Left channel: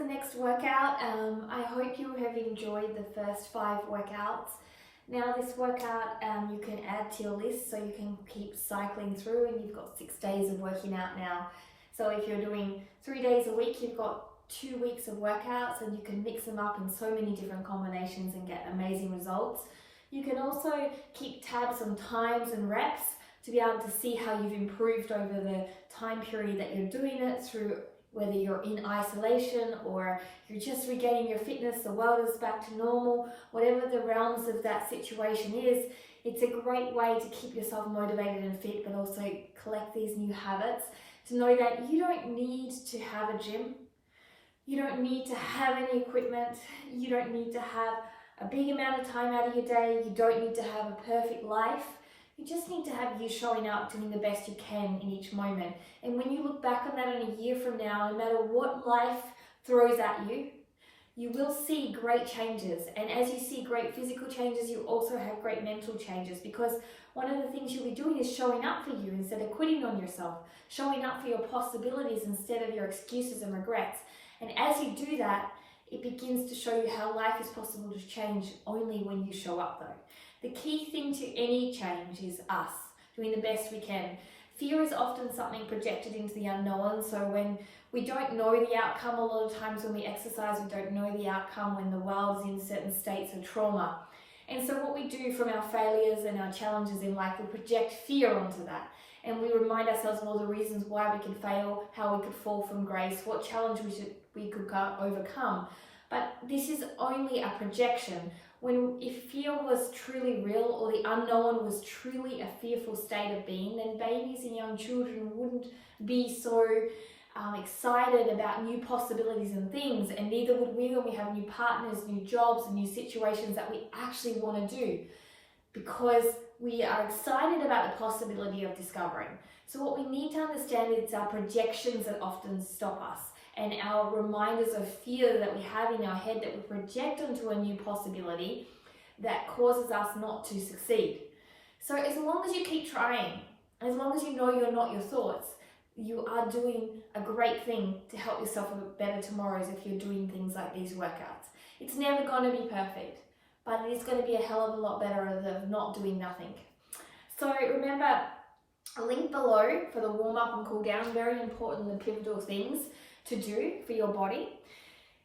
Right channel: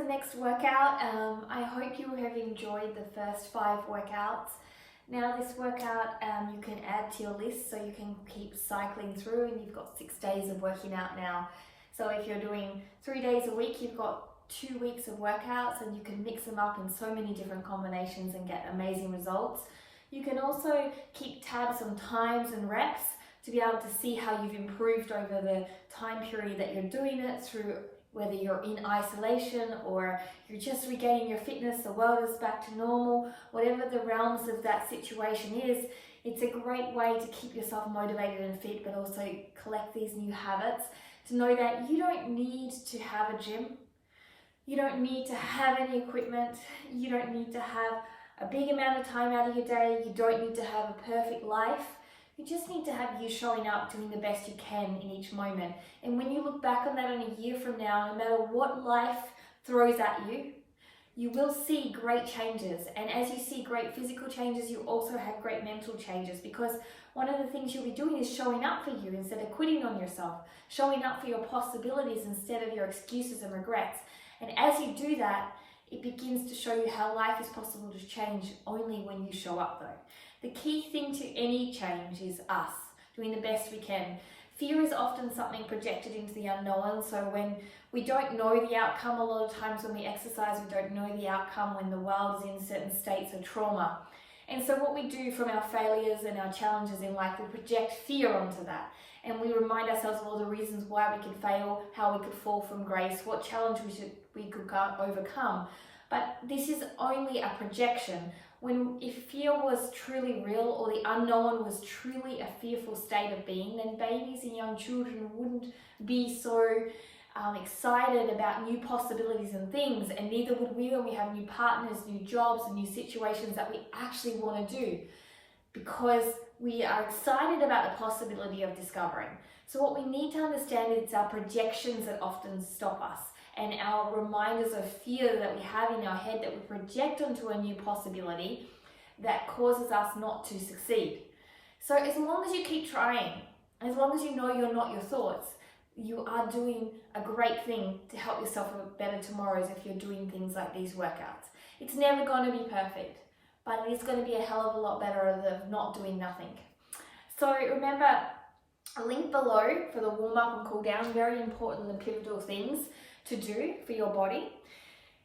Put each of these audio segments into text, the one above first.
the next workout. I hope you have enjoyed the first 5 workouts. Now this workout you can add to your list so you can keep cycling through, and you've got 6 days of working out now. So if you're doing 3 days a week, you've got 2 weeks of workouts, and you can mix them up in so many different combinations and get amazing results. You can also keep tabs on times and reps to be able to see how you've improved over the time period that you're doing it, through whether you're in isolation or you're just regaining your fitness, the world is back to normal, whatever the realms of that situation is. It's a great way to keep yourself motivated and fit, but also collect these new habits, to know that you don't need to have a gym, you don't need to have any equipment, you don't need to have a big amount of time out of your day, you don't need to have a perfect life. You just need to have you showing up, doing the best you can in each moment. And when you look back on that in a year from now, no matter what life throws at you, you will see great changes. And as you see great physical changes, you also have great mental changes, because one of the things you'll be doing is showing up for you instead of quitting on yourself, showing up for your possibilities instead of your excuses and regrets. And as you do that, it begins to show you how life is possible to change only when you show up though. The key thing to any change is us doing the best we can. Fear is often something projected into the unknown. So when we don't know the outcome, a lot of times when we exercise, we don't know the outcome when the world is in certain states of trauma. And so what we do from our failures and our challenges in life, we project fear onto that. And we remind ourselves of all the reasons why we could fail, how we could fall from grace, what challenge we could overcome. But this is only a projection. If fear was truly real, or the unknown was truly a fearful state of being, then babies and young children wouldn't be so excited about new possibilities and things, and neither would we when we have new partners, new jobs, and new situations that we actually want to do, because we are excited about the possibility of discovering. So what we need to understand is our projections that often stop us, and our reminders of fear that we have in our head that we project onto a new possibility that causes us not to succeed. So as long as you keep trying, as long as you know you're not your thoughts, you are doing a great thing to help yourself with better tomorrows if you're doing things like these workouts. It's never going to be perfect, but it is going to be a hell of a lot better than not doing nothing. So remember, a link below for the warm-up and cool down, very important and pivotal things to do for your body.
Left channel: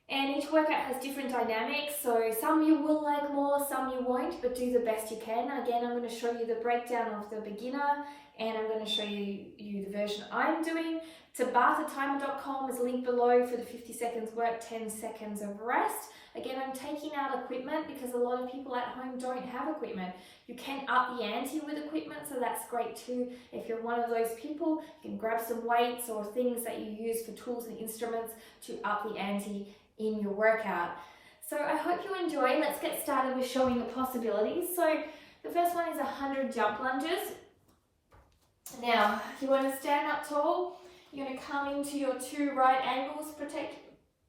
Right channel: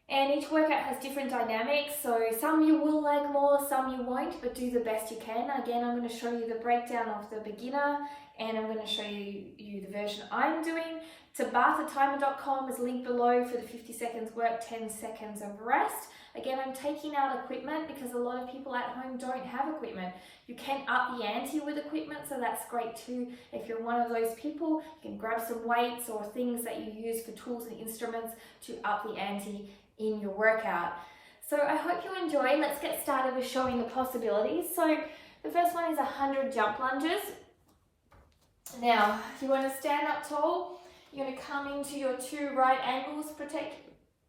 And each workout has different dynamics, so some you will like more, some you won't, but do the best you can. Again, I'm going to show you the breakdown of the beginner, and I'm going to show you the version I'm doing. TabathaTimer.com is linked below for the 50 seconds work, 10 seconds of rest. Again, I'm taking out equipment because a lot of people at home don't have equipment. You can up the ante with equipment, so that's great too. If you're one of those people, you can grab some weights or things that you use for tools and instruments to up the ante in your workout. So I hope you enjoy. Let's get started with showing the possibilities. So the first one is 100 jump lunges. Now, if you want to stand up tall, you're going to come into your 2 right angles,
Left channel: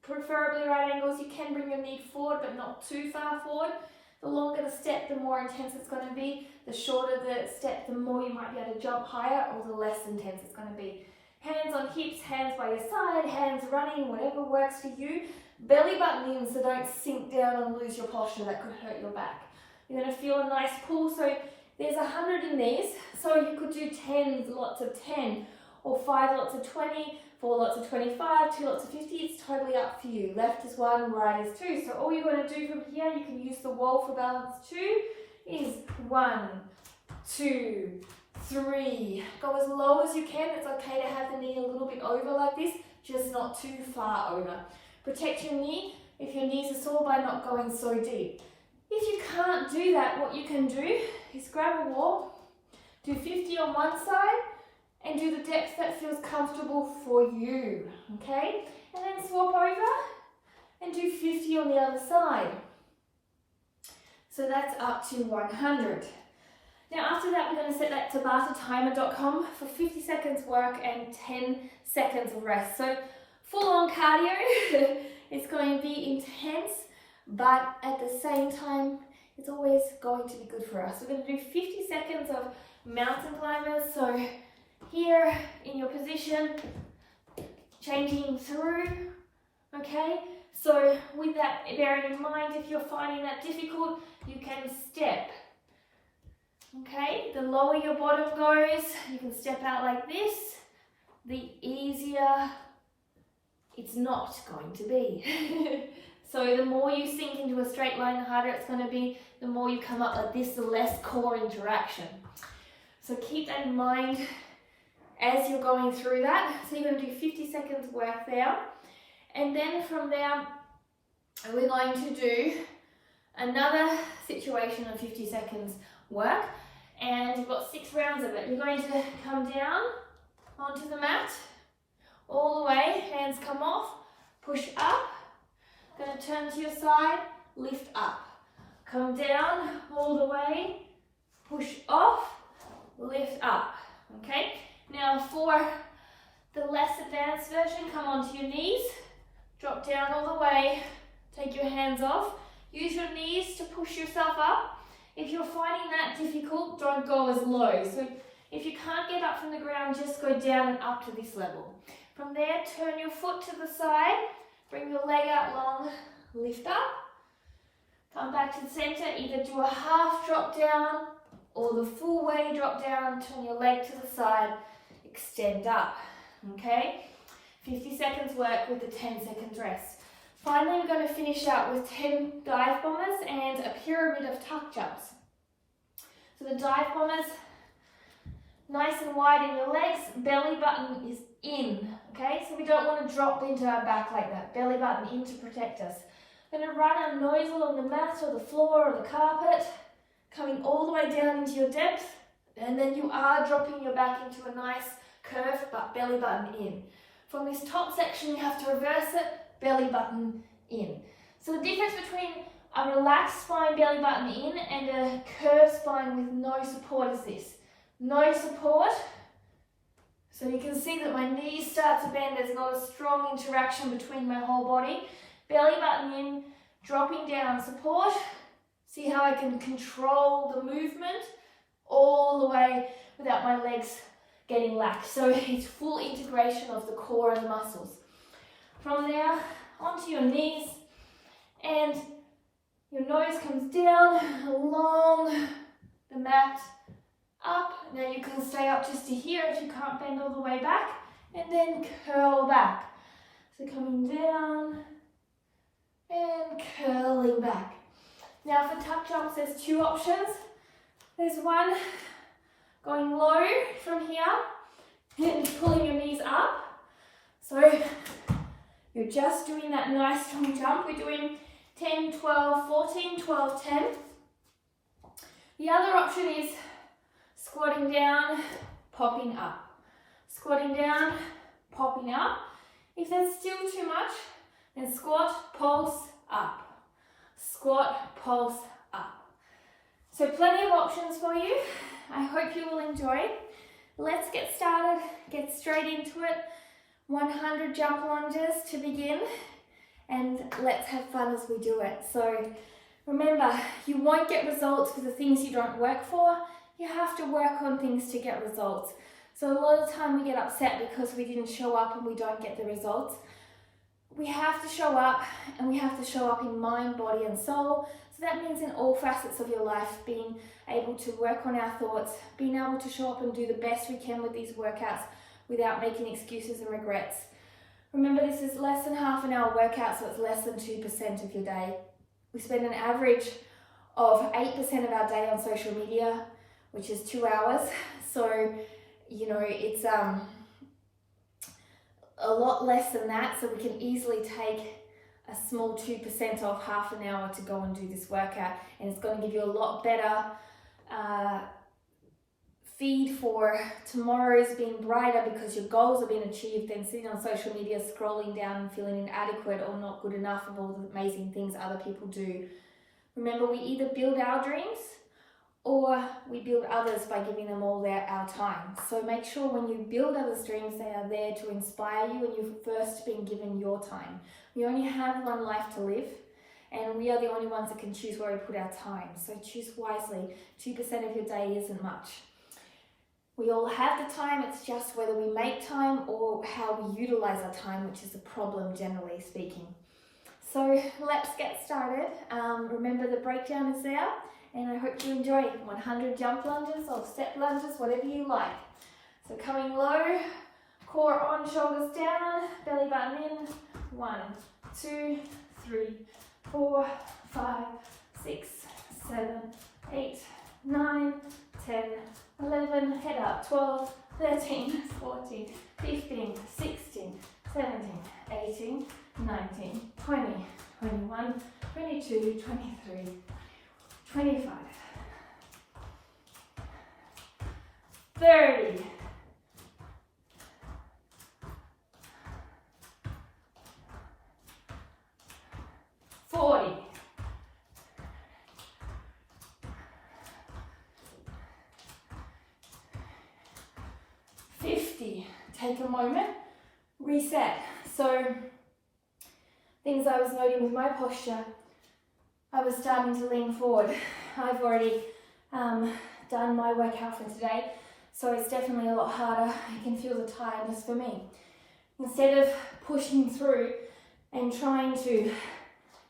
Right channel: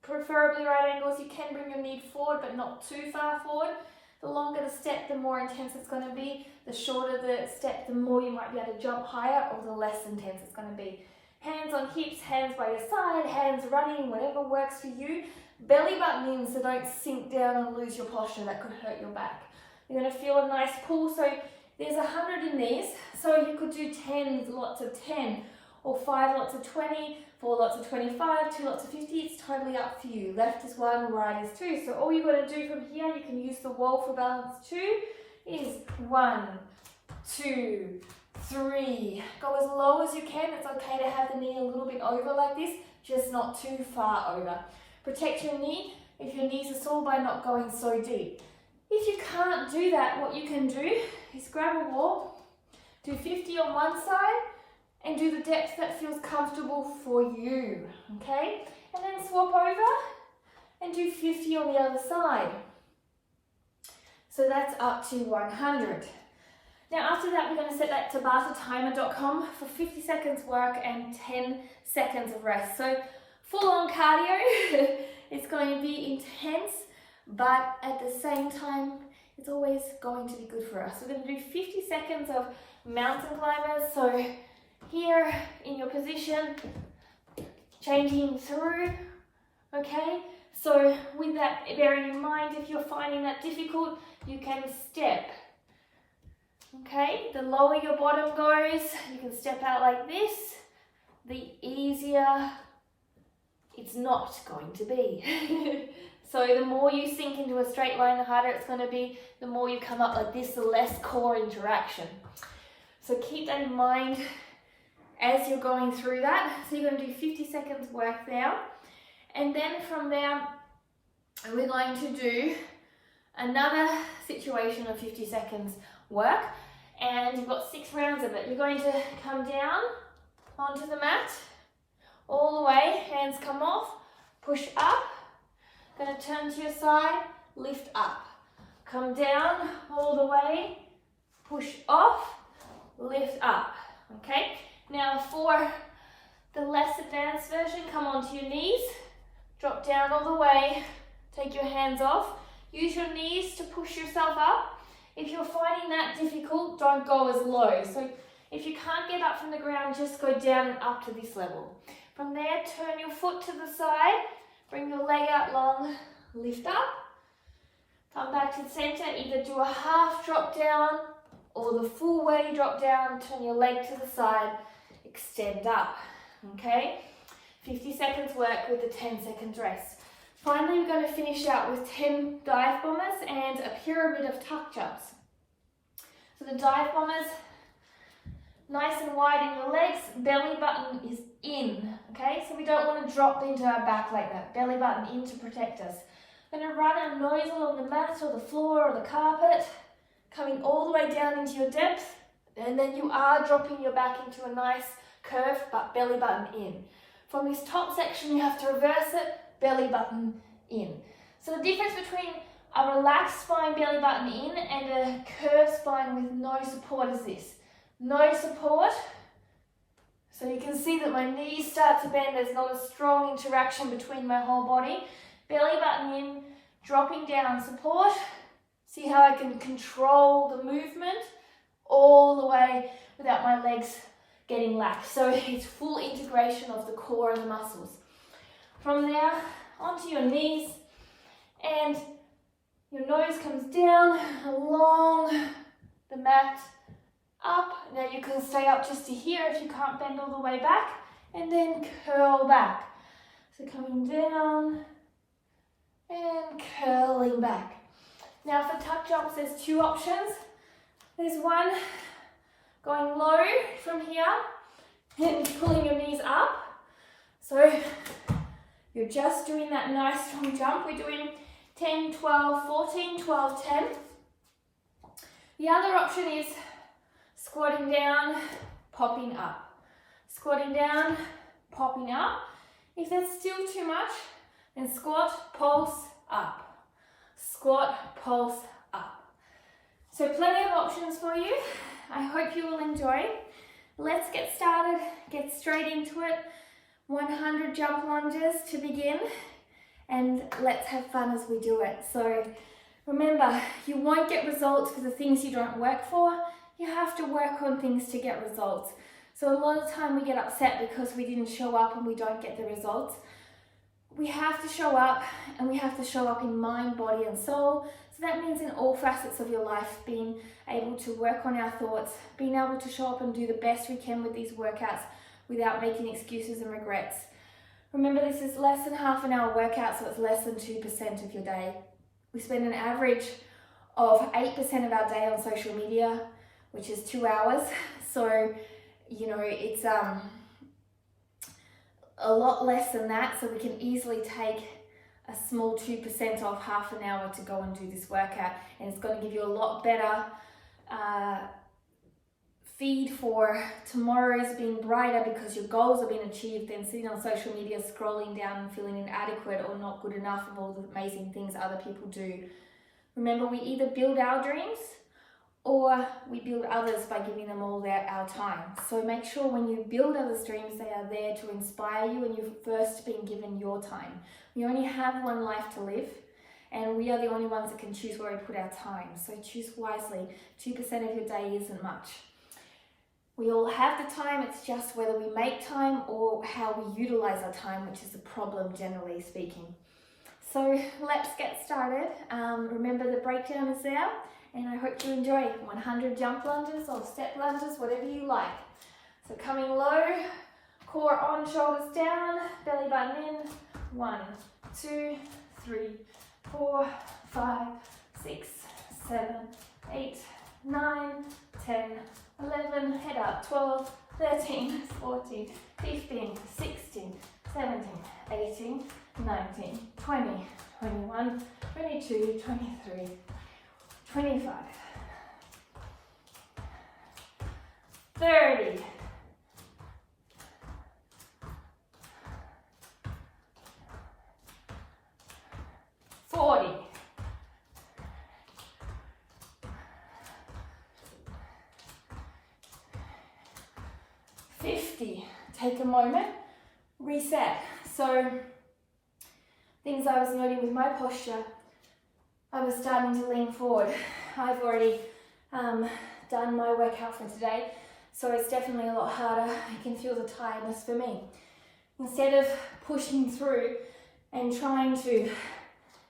preferably right angles. You can bring your knee forward, but not too far forward. The longer the step, the more intense it's going to be. The shorter the step, the more you might be able to jump higher, or the less intense it's going to be. Hands on hips, hands by your side, hands running, whatever works for you. Belly button in, so don't sink down and lose your posture. That could hurt your back. You're going to feel a nice pull. So there's 100 in these. So you could do 10 lots of 10, or 5 lots of 20, 4 lots of 25, 2 lots of 50, it's totally up to you. Left is 1, right is 2. So all you've got to do from here, you can use the wall for balance 2, is 1, 2, 3. Go as low as you can. It's okay to have the knee a little bit over like this, just not too far over. Protect your knee if your knees are sore by not going so deep. If you can't do that, what you can do is grab a wall, do 50 on one side, and do the depth that feels comfortable for you, okay? And then swap over and do 50 on the other side. So that's up to 100. Now after that, we're going to set that to TabathaTimer.com for 50 seconds work and 10 seconds of rest. So full on cardio. It's going to be intense, but at the same time, it's always going to be good for us. We're going to do 50 seconds of mountain climbers. So here in your position, changing through, Okay, so with that bearing in mind, if you're finding that difficult, you can step. Okay, the lower your bottom goes, you can step out like this, the easier it's not going to be. So the more you sink into a straight line, the harder it's going to be. The more you come up like this, the less core interaction. So keep that in mind as you're going through that. So you're going to do 50 seconds work there. And then from there, we're going to do another situation of 50 seconds work. And you've got 6 rounds of it. You're going to come down onto the mat, all the way, hands come off, push up, going to turn to your side, lift up, come down all the way, push off, lift up, okay? Now for the less advanced version, come onto your knees, drop down all the way, take your hands off, use your knees to push yourself up. If you're finding that difficult, don't go as low. So if you can't get up from the ground, just go down and up to this level. From there, turn your foot to the side, bring your leg out long, lift up, come back to the center, either do a half drop down or the full way drop down, turn your leg to the side, extend up, okay? 50 seconds work with a 10 seconds rest. Finally, we're going to finish out with 10 dive bombers and a pyramid of tuck jumps. So the dive bombers, nice and wide in your legs, belly button is in, okay? So we don't want to drop into our back like that, belly button in to protect us. We're going to run our nose along the mat or the floor or the carpet, coming all the way down into your depth, and then you are dropping your back into a nice curve, but belly button in. From this top section, you have to reverse it, belly button in. So the difference between a relaxed spine, belly button in, and a curved spine with no support is this. No support, so you can see that my knees start to bend, there's not a strong interaction between my whole body. Belly button in, dropping down, support. See how I can control the movement all the way without my legs getting lax. So it's full integration of the core and the muscles. From there, onto your knees, and your nose comes down along the mat, up. Now you can stay up just to here if you can't bend all the way back, and then curl back. So coming down and curling back. Now for tuck jumps, there's 2 options. There's one going low from here and pulling your knees up. So you're just doing that nice strong jump. We're doing 10, 12, 14, 12, 10. The other option is squatting down, popping up. Squatting down, popping up. If that's still too much, then squat, pulse, up. Squat, pulse, up. So plenty of options for you. I hope you will enjoy. Let's get started, get straight into it. 100 jump lunges to begin, and let's have fun as we do it. So remember, you won't get results for the things you don't work for. You have to work on things to get results. So a lot of the time we get upset because we didn't show up and we don't get the results. We have to show up, and we have to show up in mind, body and soul. So that means in all facets of your life, being able to work on our thoughts, being able to show up and do the best we can with these workouts without making excuses and regrets. Remember, this is less than half an hour workout, so it's less than 2% of your day. We spend an average of 8% of our day on social media, which is 2 hours. So, you know, it's a lot less than that, so we can easily take a small 2% off half an hour to go and do this workout, and it's going to give you a lot better feed for tomorrow's being brighter because your goals have been achieved than sitting on social media scrolling down and feeling inadequate or not good enough of all the amazing things other people do. Remember, we either build our dreams or we build others by giving them all our time. So make sure when you build others' dreams, they are there to inspire you, and you've first been given your time. We only have one life to live, and we are the only ones that can choose where we put our time. So choose wisely. 2% of your day isn't much. We all have the time, it's just whether we make time or how we utilize our time, which is a problem generally speaking. So let's get started. Remember the breakdown is there, and I hope you enjoy 100 jump lunges or step lunges, whatever you like. So coming low, core on, shoulders down, belly button in. 1, 2, 3, 4, 5, 6, 7, 8, 9, 10, 11, head up, 12, 13, 14, 15, 16, 17, 18, 19, 20, 21, 22, 23, 25, 30, 40, 50. Take a moment, reset. So things I was noting with my posture, I was starting to lean forward. I've already done my workout for today, so it's definitely a lot harder. I can feel the tiredness for me. Instead of pushing through and trying to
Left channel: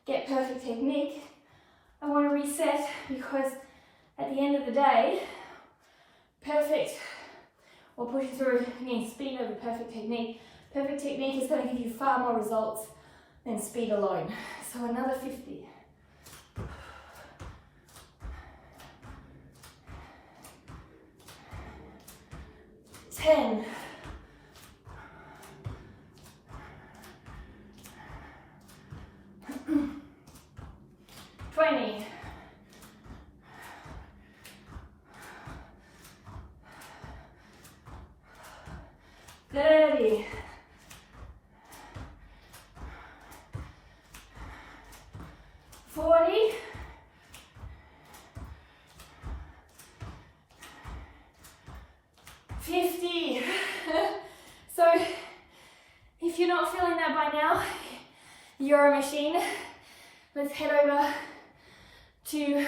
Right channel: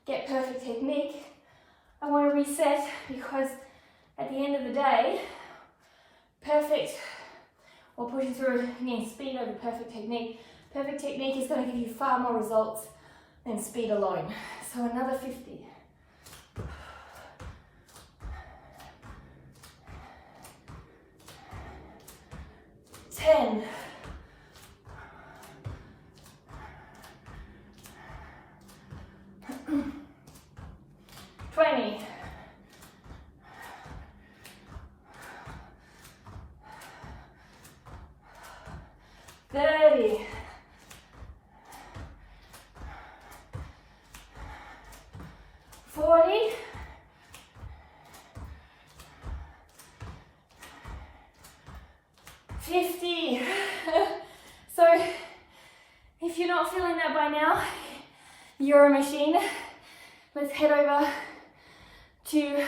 get perfect technique, I want to reset, because at the end of the day, perfect or pushing through, again, speed over perfect technique. Perfect technique is going to give you far more results than speed alone. So another 50. 10. 20. 30. 40. 50. So if you're not feeling that by now, you're a machine. Let's head over to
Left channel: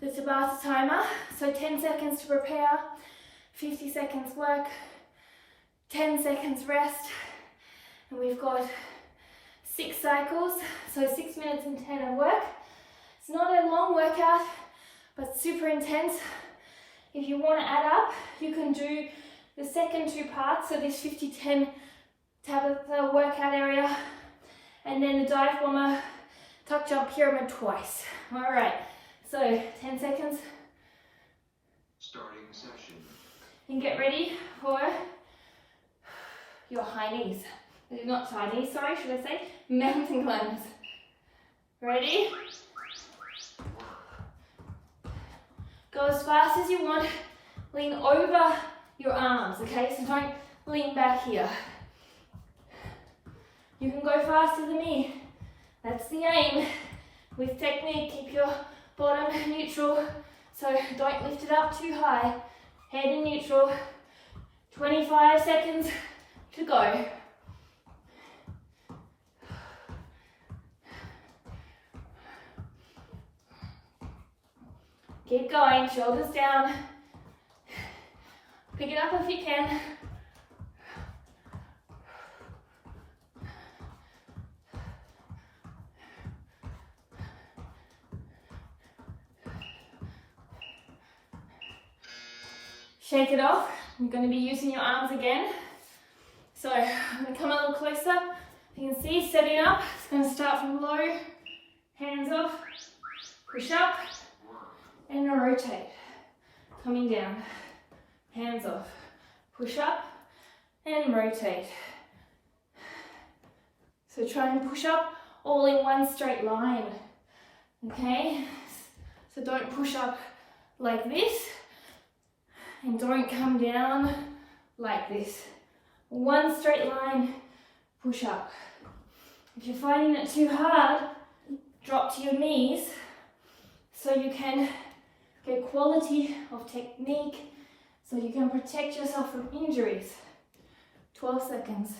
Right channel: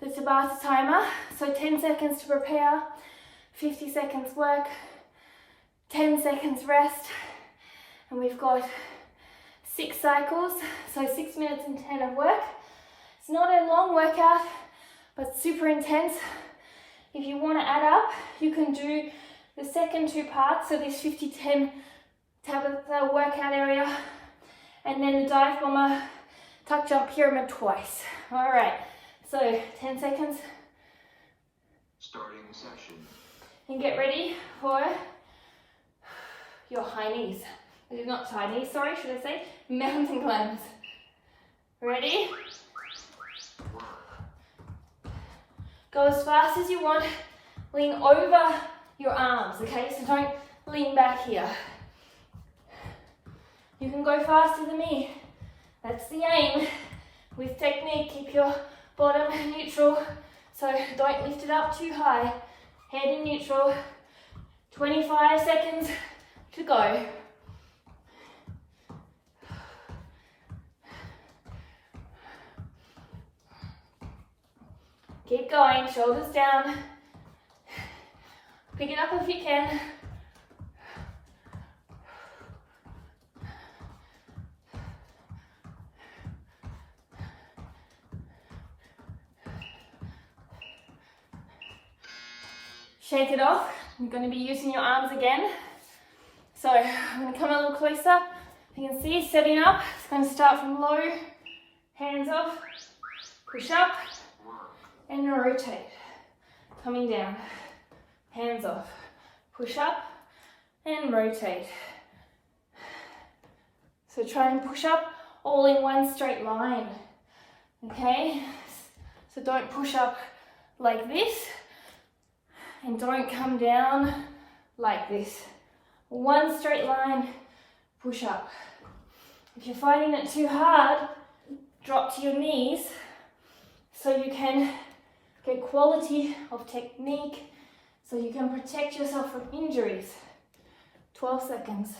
the Tabata timer. So 10 seconds to prepare, 50 seconds work, 10 seconds rest, and we've got 6 cycles, so 6 minutes and 10 of work. It's not a long workout, but super intense. If you want to add up, you can do the second 2 parts, so this 50-10 Tabata workout area, and then the dive bomber tuck jump pyramid twice. All right, so 10 seconds. Starting session. And get ready for your high knees. Not high knees, sorry, should I say? Mountain climbs. Ready? Go as fast as you want. Lean over your arms, okay? So don't lean back here. You can go faster than me. That's the aim. With technique, keep your bottom neutral. So don't lift it up too high. Head in neutral. 25 seconds to go. Keep going, shoulders down. Pick it up if you can. Shake it off. You're going to be using your arms again. So I'm going to come a little closer. You can see, setting up. It's going to start from low, hands off, push up, and rotate. Coming down, hands off, push up, and rotate. So try and push up all in one straight line. Okay? So don't push up like this, and don't come down like this. One straight line, push up. If you're finding it too hard, drop to your knees so you can get quality of technique, so you can protect yourself from injuries. 12 seconds.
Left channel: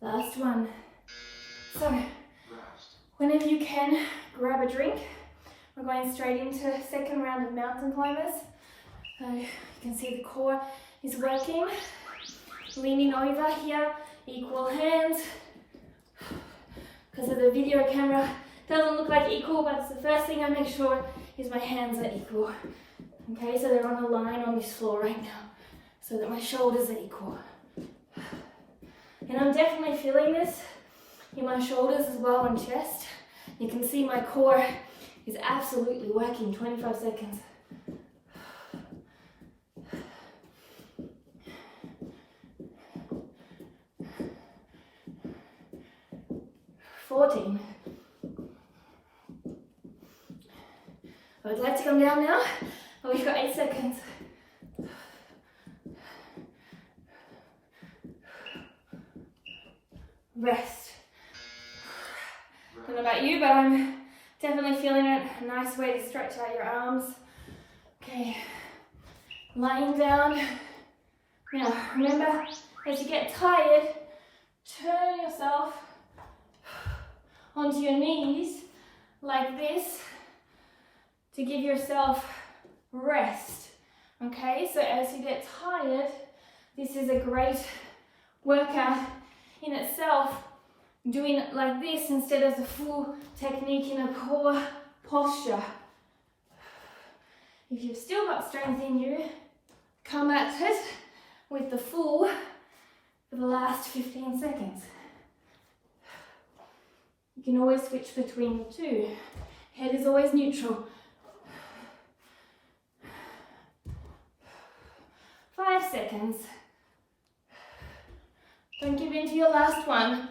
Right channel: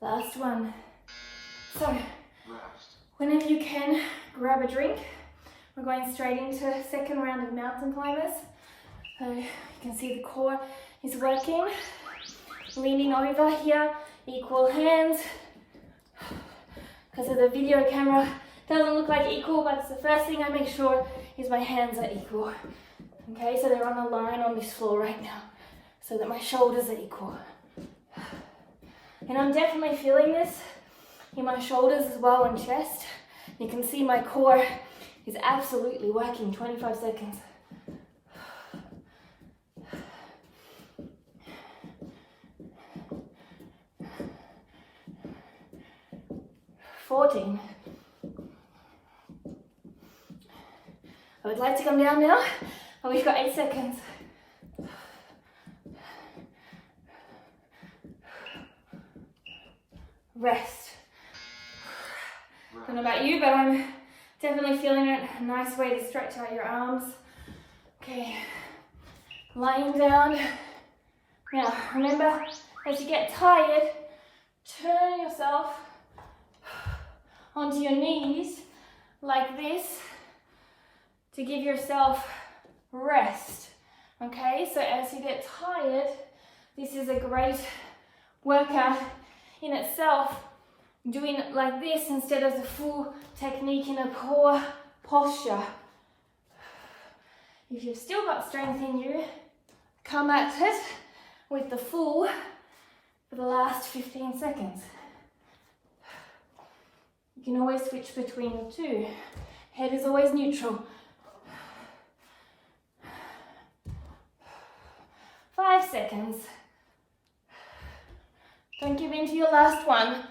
Last one. So, whenever you can, grab a drink. We're going straight into the second round of mountain climbers. So you can see the core is working. Leaning over here, equal hands. Because of the video camera, doesn't look like equal, but it's the first thing I make sure is my hands are equal. Okay, so they're on a line on this floor right now, so that my shoulders are equal. And I'm definitely feeling this in my shoulders as well and chest. You can see my core is absolutely working. 25 seconds. 14. I would like to come down now, but we've got 8 seconds. Rest. Don't know about you, but I'm definitely feeling it. A nice way to stretch out your arms. Okay, lying down. Now, remember, as you get tired, turn yourself onto your knees like this to give yourself rest. Okay, so as you get tired, this is a great workout in itself. Doing it like this instead of the full technique in a core posture. If you've still got strength in you, come at it with the full for the last 15 seconds. You can always switch between the two. Head is always neutral. 5 seconds. Don't give in to your last one.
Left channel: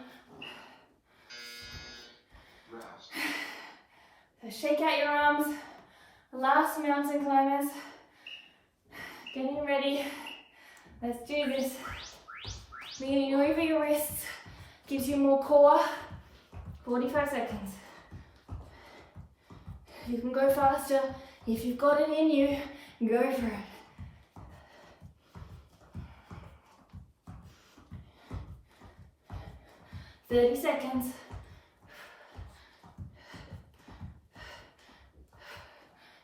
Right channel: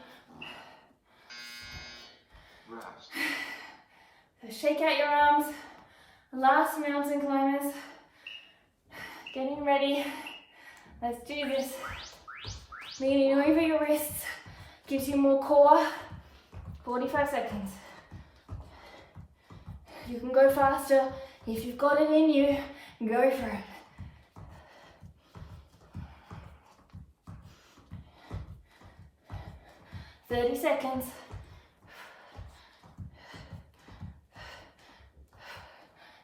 So shake out your arms. Last mountain climbers. Getting ready. Let's do this. Leaning over your wrists. Gives you more core. 45 seconds. You can go faster. If you've got it in you, go for it. "30 seconds.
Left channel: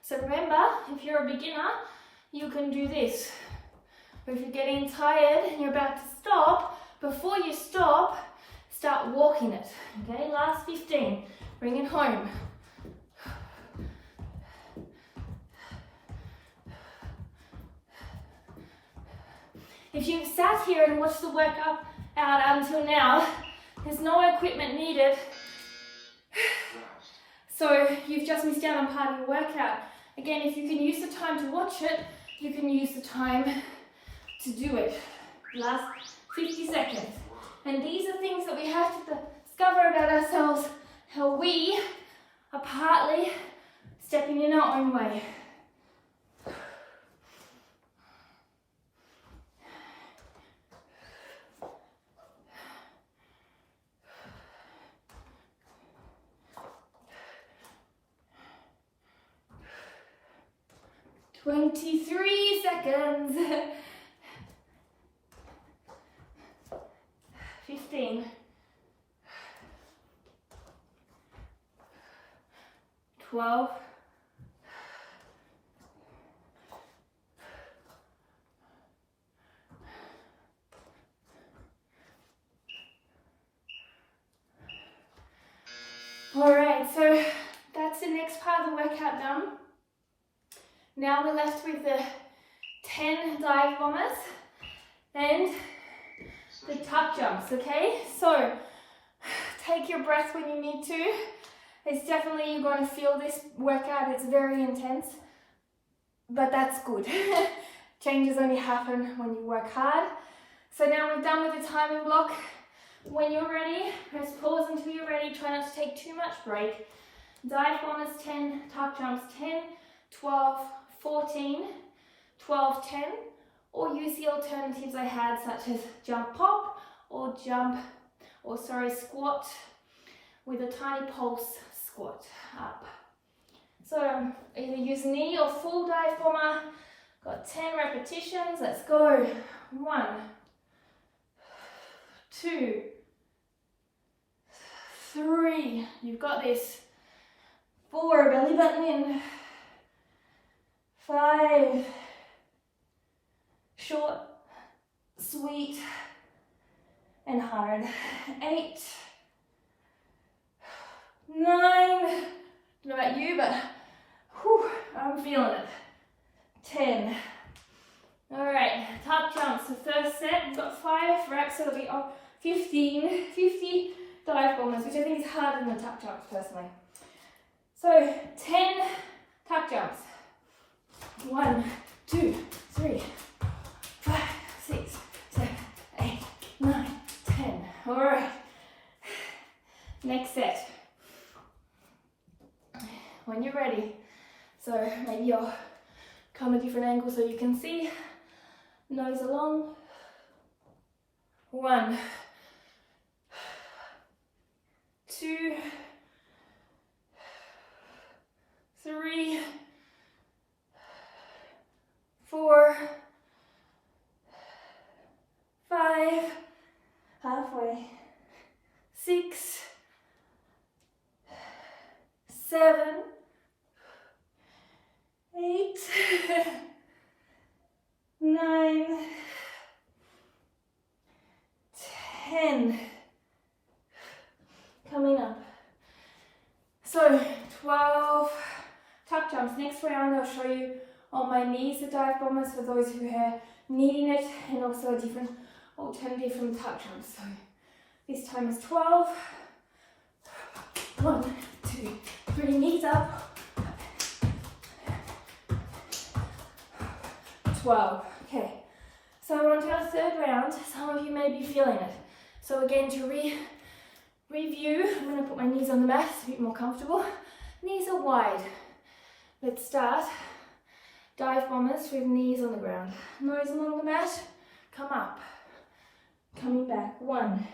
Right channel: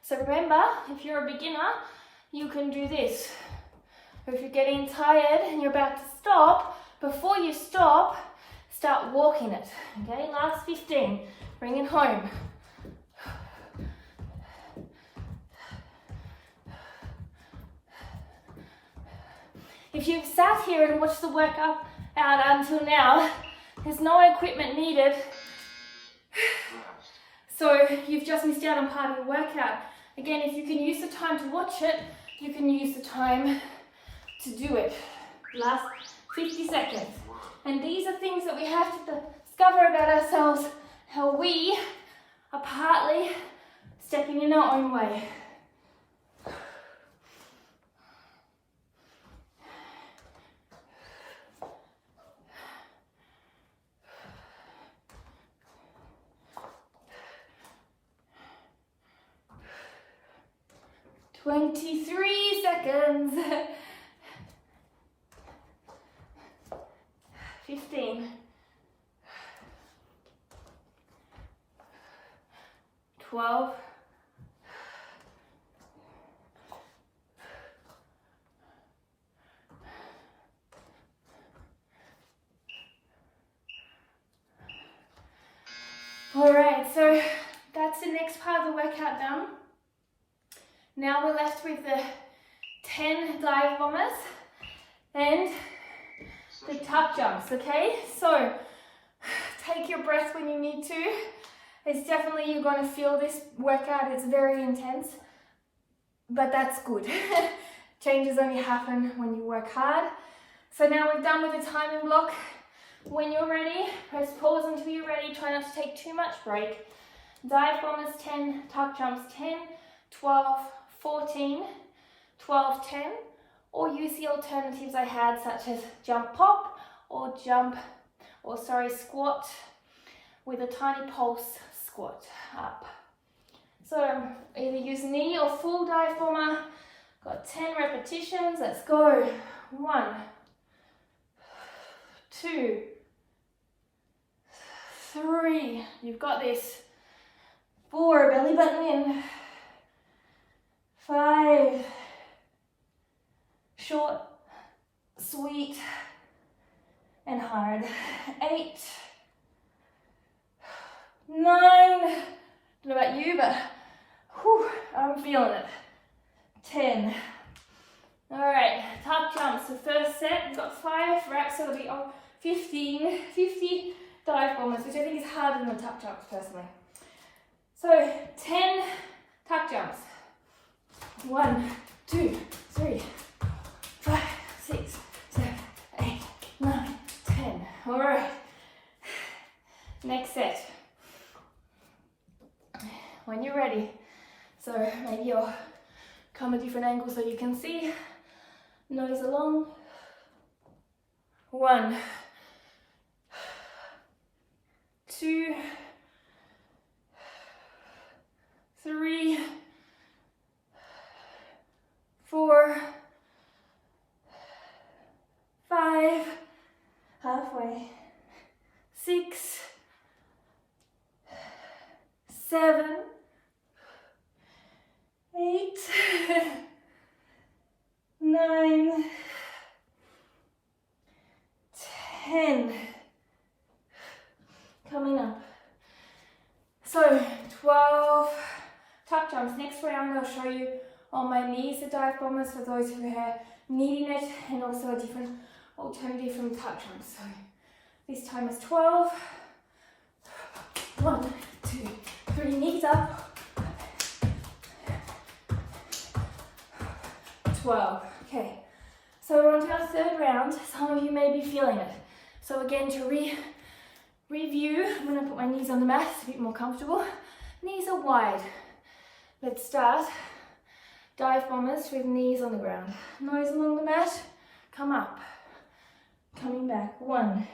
So remember, if you're a beginner, you can do this. Or if you're getting tired and you're about to stop, before you stop, start walking it. Okay, last 15. Bring it home. If you've sat here and watched the workout until now, there's no equipment needed. So you've just missed out on part of your workout. Again, if you can use the time to watch it, you can use the time to do it. Last 50 seconds. And these are things that we have to discover about ourselves, how we are partly stepping in our own way. "23 seconds. 15. 12. 'Alright, so that's the next part of the workout done. Now we're left with the 10 dive bombers and the tuck jumps, okay? So take your breath when you need to. It's definitely, you're going to feel this workout, it's very intense, but that's good. Changes only happen when you work hard. So now we're done with the timing block. When you're ready, press pause until you're ready. Try not to take too much break. Dive bombers 10, tuck jumps 10, 12, 14, 12, 10, or use the alternatives I had, such as jump pop or squat with a tiny pulse squat up. So either use knee or full dive bomber. Got 10 repetitions. Let's go. 1, 2, 3, you've got this. 4, belly button in. 5, short, sweet, and hard. 8, 9, I don't know about you, but whew, I'm feeling it. 10. All right, tuck jumps. The first set, we've got 5 reps, so it'll be 15, 50 dive bombers, which I think is harder than the tuck jumps personally. So 10 tuck jumps. 1, 2, 3, 5, 6, 7, 8, 9, 10. All right. Next set. When you're ready. So maybe you'll come a different angle so you can see. Nose along. 1, 2, 3, 4, 5, halfway, 6, 7, 8, 9, 10. Coming up. So 12 tuck jumps. Next round I'll show you on my knees the dive bombers for those who are needing it, and also a different alternative from tuck jumps. So this time is 12. 1, 2, 3, knees up. 12. Okay, so we're on to our third round. Some of you may be feeling it. So again, to review, I'm going to put my knees on the mat, it's a bit more comfortable. Knees are wide. Let's start. Dive bombers with knees on the ground. Nose along the mat, come up. Coming back. 1,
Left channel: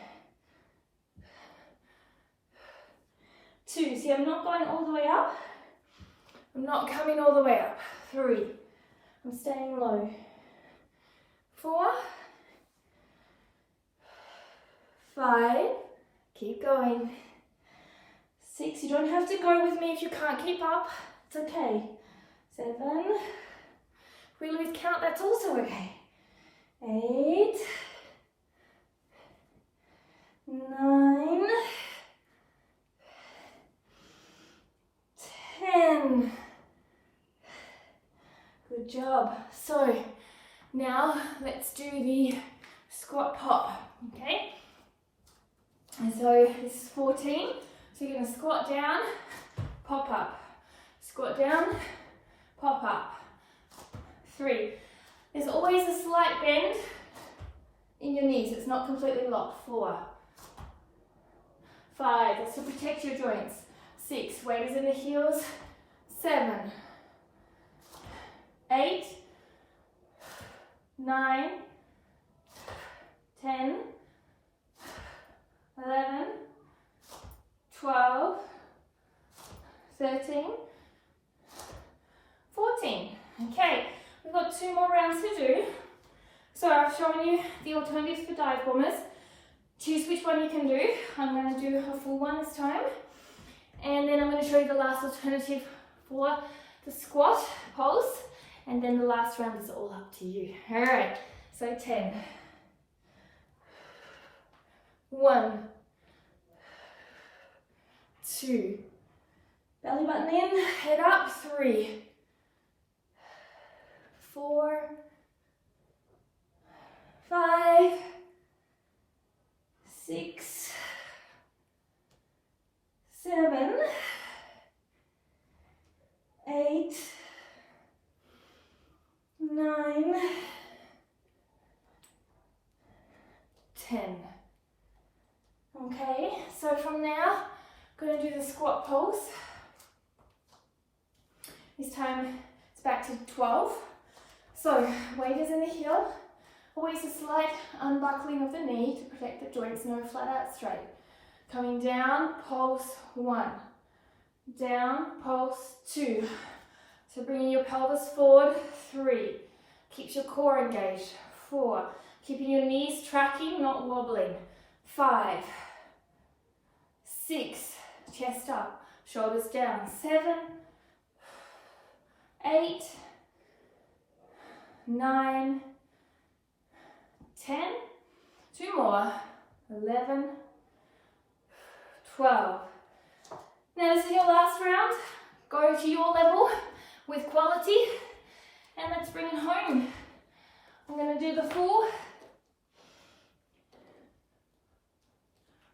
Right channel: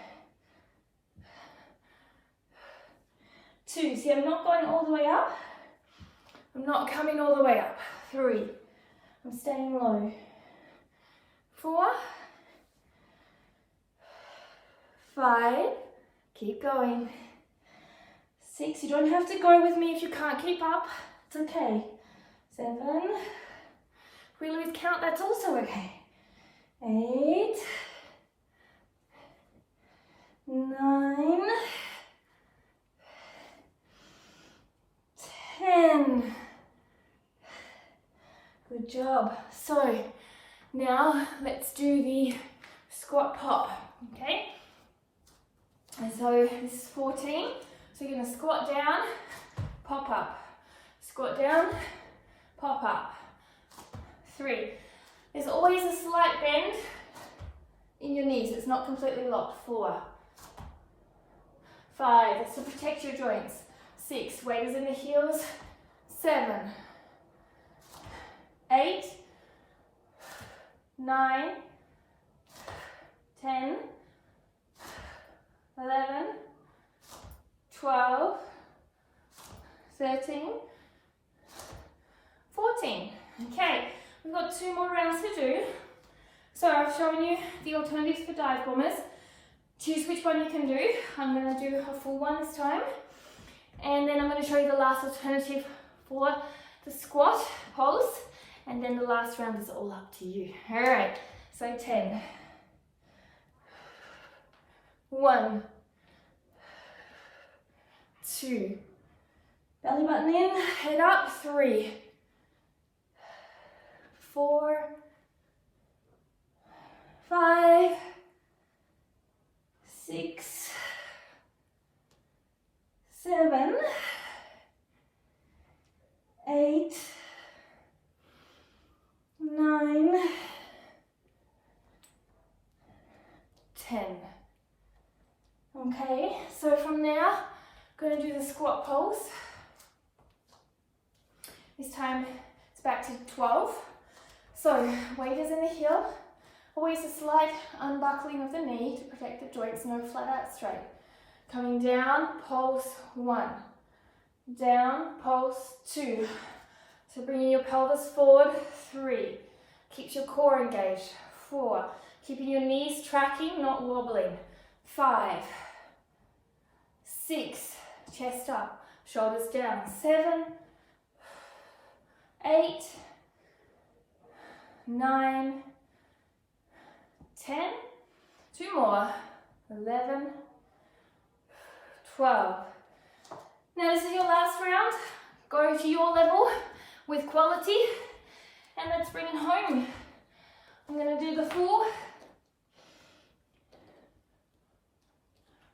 2. See, I'm not going all the way up. I'm not coming all the way up. 3. I'm staying low. 4, 5, keep going. 6, you don't have to go with me if you can't keep up, it's okay. 7, if we lose count, that's also okay. 8, 9, 10. Good job. So now let's do the squat pop, okay? And so this is 14. So you're going to squat down, pop up. Squat down, pop up. 3. There's always a slight bend in your knees. It's not completely locked. 4. 5. That's to protect your joints. 6. Weight is in the heels. 7. 8. 9. 10. 11, 12, 13, 14. Okay, we've got 2 more rounds to do. So I've shown you the alternatives for dive bombers. Choose which one you can do. I'm going to do a full one this time. And then I'm going to show you the last alternative for the squat pulse. And then the last round is all up to you. All right, so 10. 1, 2, belly button in, head up. 3, 4, 5, 6, 7, 8, 9, 10. Okay, so from there, I'm going to do the squat pulse. This time it's back to 12. So weight is in the heel. Always a slight unbuckling of the knee to protect the joints, no flat out straight. Coming down, pulse 1. Down, pulse 2. So bringing your pelvis forward, 3. Keeps your core engaged, 4. Keeping your knees tracking, not wobbling, 5. 6, chest up, shoulders down, 7, 8, 9, 10, 2 more, 11, 12. Now this is your last round. Go to your level with quality and let's bring it home. I'm going to do the full.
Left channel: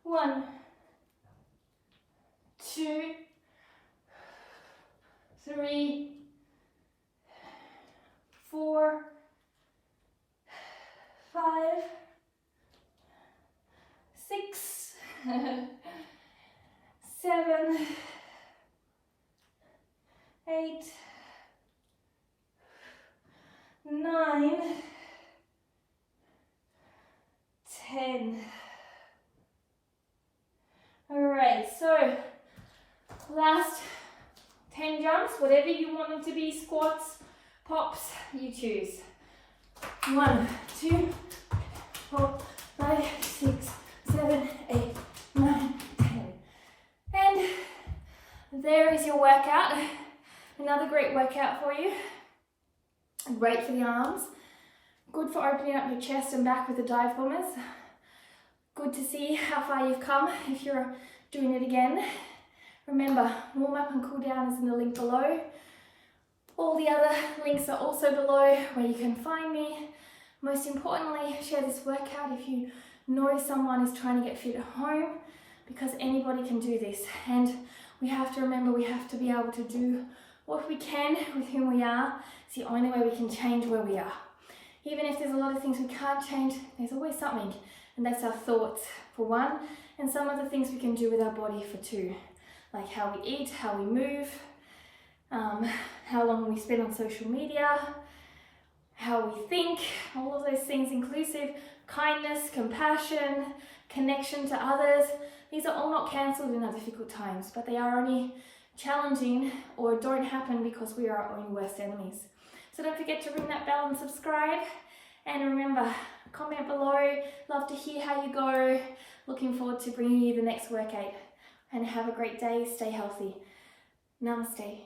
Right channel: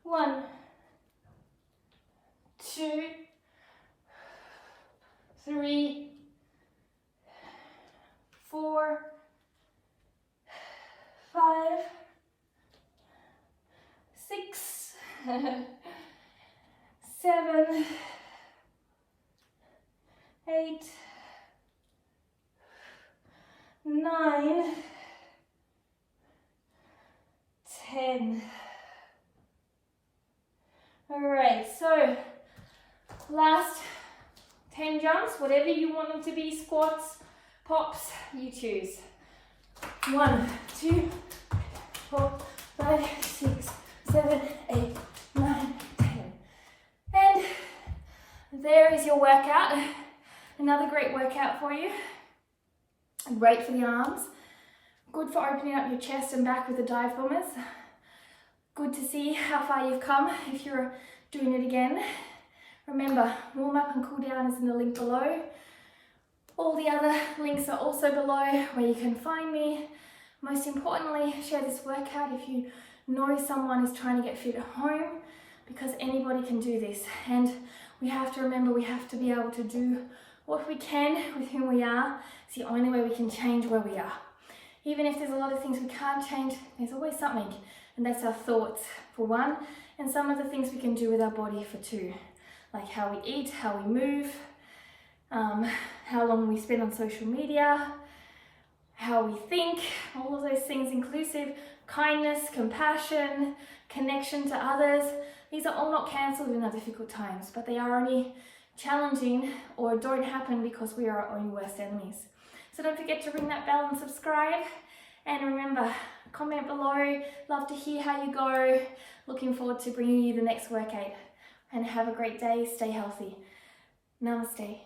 1, 2, 3, 4, 5, 6, 7, 8, 9, 10. Alright, so last 10 jumps, whatever you want them to be, squats, pops, you choose. 1, 2, 4, 5, 6, 7, 8, 9, 10. And there is your workout. Another great workout for you. Great for the arms. Good for opening up your chest and back with the dive bombers. Good to see how far you've come if you're doing it again. Remember, warm up and cool down is in the link below. All the other links are also below where you can find me. Most importantly, share this workout if you know someone is trying to get fit at home, because anybody can do this. And we have to remember, we have to be able to do what we can with whom we are. It's the only way we can change where we are. Even if there's a lot of things we can't change, there's always something. And that's our thoughts for one, and some of the things we can do with our body for two. Like how we eat, how we move, how long we spend on social media, how we think, all of those things inclusive, kindness, compassion, connection to others. These are all not cancelled in our difficult times, but they are only challenging or don't happen because we are our own worst enemies. So don't forget to ring that bell and subscribe. And remember, comment below. Love to hear how you go. Looking forward to bringing you the next workout. And have a great day. Stay healthy. Namaste.